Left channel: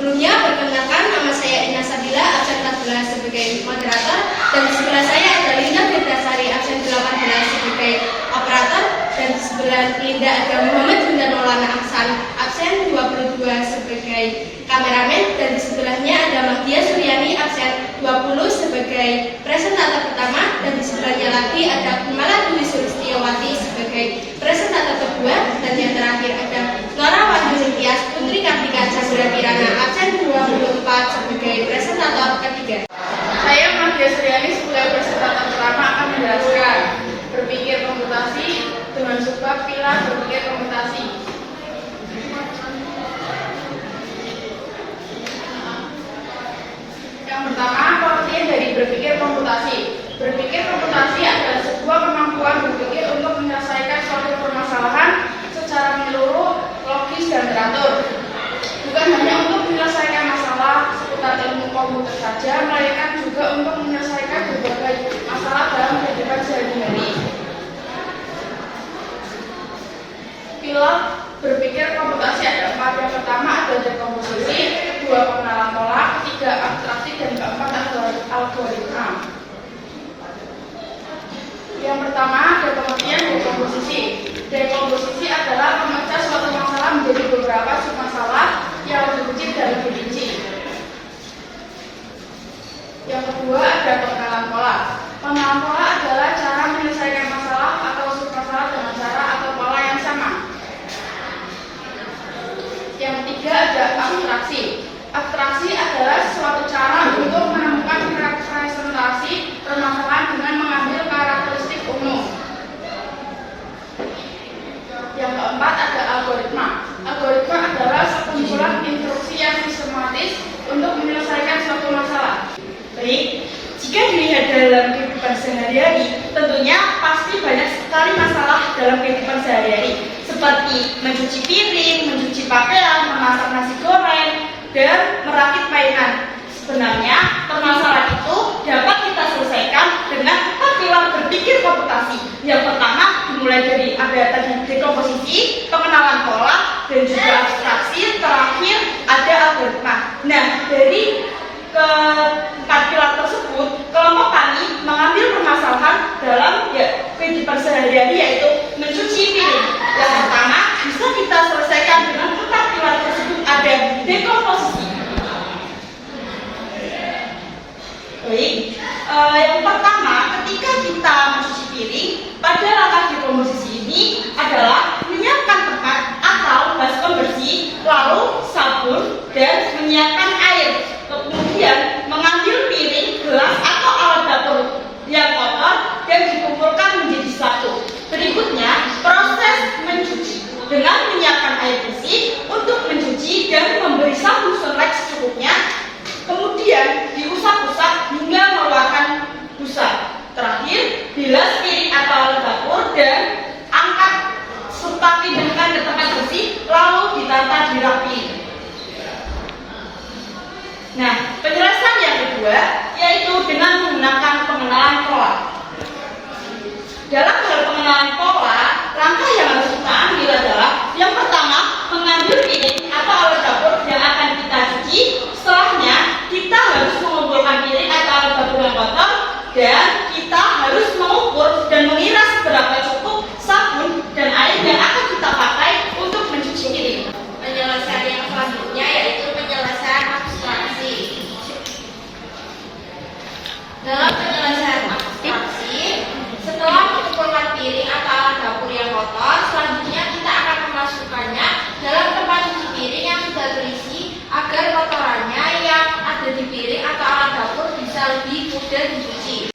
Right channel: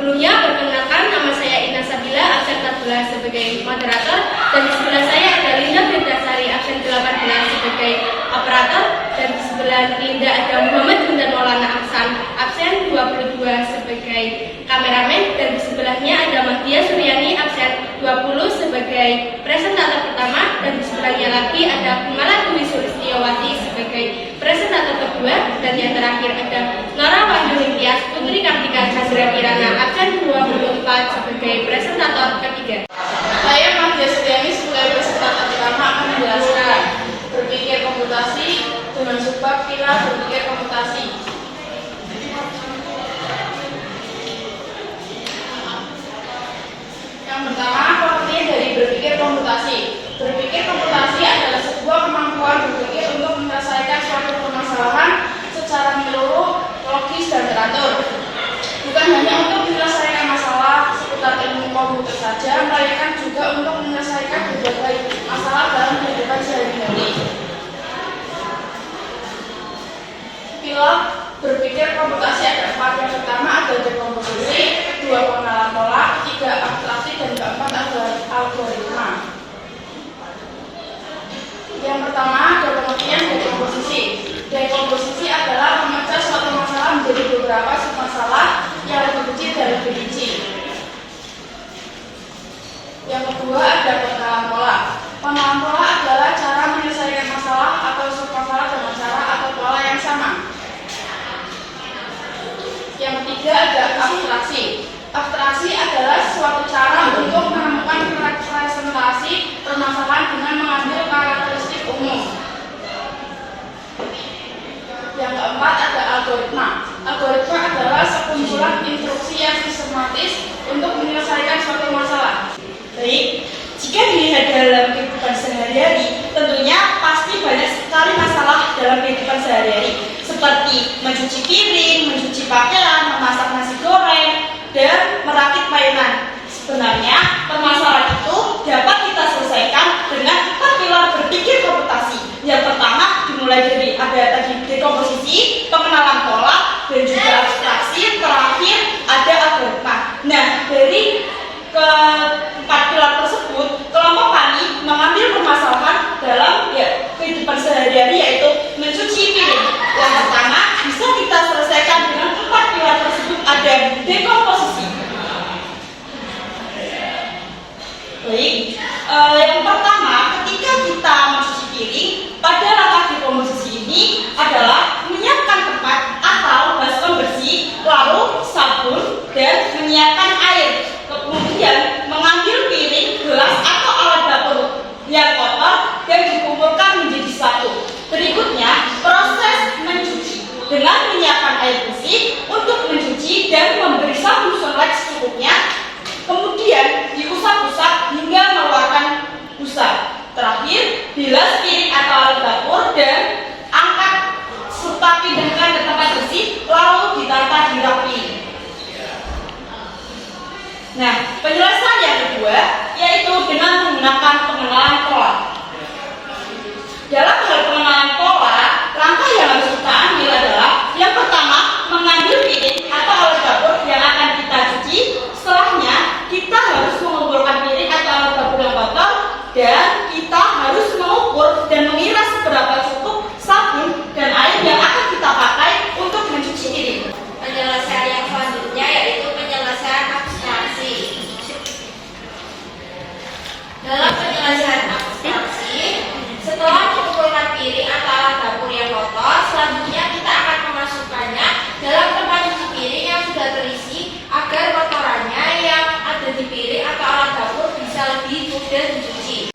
Sebelumnya perkenalkan, nama saya Ina Sabila, absen 14 sebagai moderator, dan di sebelah saya ada Linda Berdasari, absen 18 sebagai operator, dan di sebelah Linda ada Muhammad Bunda Maulana Aksan, absen 22 sebagai kameramen, dan di sebelahnya ada Mahdia Suryani, absen 20 sebagai presentator pertama, dan di sebelahnya lagi ada Kumala Dwi Sulistiyawati sebagai presentator kedua, dan yang terakhir ada Nora Wahyu Tias Putri Kartika Jasura Kirana, absen 24 sebagai presentator ketiga. Saya Mahdia Suryani sebagai presentator pertama akan menjelaskan berpikir komputasi dengan subbab pilar berpikir komputasi. Yang pertama, pengertian dari berpikir komputasi. Berpikir komputasi adalah sebuah kemampuan berpikir untuk menyelesaikan suatu permasalahan secara menyeluruh, logis, dan teratur. Bukan hanya untuk menyelesaikan masalah seputar ilmu komputer saja, melainkan juga untuk menyelesaikan berbagai masalah dalam kehidupan sehari-hari. Pilar berpikir komputasi ada 4. Yang pertama ada dekomposisi, kedua pengenalan pola, ketiga abstraksi, dan keempat adalah algoritma. Yang pertama ada pengertian dekomposisi. Dekomposisi adalah memecah suatu masalah menjadi beberapa submasalah yang lebih kecil dan lebih rinci. Yang kedua ada pengenalan pola. Pengenalan pola adalah cara menyelesaikan masalah atau submasalah dengan cara atau pola yang sama. Yang ketiga ada abstraksi. Abstraksi adalah suatu cara untuk menemukan representasi permasalahan dengan mengambil karakteristik umum. Yang keempat ada algoritma. Algoritma adalah sekumpulan instruksi yang sistematis untuk menyelesaikan suatu masalah. Baik, jika dilihat dalam kehidupan sehari-hari, tentunya pasti banyak sekali masalah dalam kehidupan sehari-hari, seperti mencuci piring, mencuci pakaian, memasak nasi goreng, dan merakit mainan. Sebenarnya, permasalahan itu dapat kita selesaikan dengan 4 pilar berpikir komputasi. Yang pertama dimulai dari ada tadi dekomposisi, pengenalan pola, dan juga abstraksi. Terakhir ada algoritma. Nah, dari keempat pilar tersebut, kelompok tani mengambil permasalahan dalam kehidupan sehari-hari, yaitu mencuci piring. Yang pertama bisa kita selesaikan dengan 4 pilar tersebut, ada dekomposisi. Baik, yang pertama ketika kita mencuci piring, pada langkah dekomposisi ini adalah menyiapkan tempat atau baskom bersih, lalu sabun, dan menyiapkan air. Kemudian mengambil piring, gelas, atau alat dapur yang kotor dan dikumpulkan menjadi satu. Berikutnya, proses mencuci dengan menyiapkan air bersih untuk mencuci dan memberi sabun sunlight secukupnya. Kemudian diusap-usap hingga mengeluarkan busa. Terakhir, bilas piring atau alat dapur dan angkat serta pindahkan ke tempat bersih, lalu ditata di rapi. Nah, penjelasan yang kedua yaitu dengan menggunakan pengenalan pola. Dalam hal pengenalan pola, langkah yang harus kita ambil adalah yang pertama, mengambil piring atau alat dapur yang akan kita cuci. Setelahnya, kita harus mengumpulkan piring atau alat dapur yang kotor, dan kita harus mengukur dan mengira seberapa cukup sabun dan air yang akan kita pakai untuk mencuci piring. Penyelesaian yang selanjutnya yaitu penyelesaian abstraksi. Dalam penyelesaian abstraksi, setelah mengumpulkan piring atau alat dapur yang kotor, selanjutnya kita akan memasukkannya dalam tempat cuci piring yang sudah terisi agar kotorannya yang ada di piring atau alat dapur bisa lebih mudah dicuci.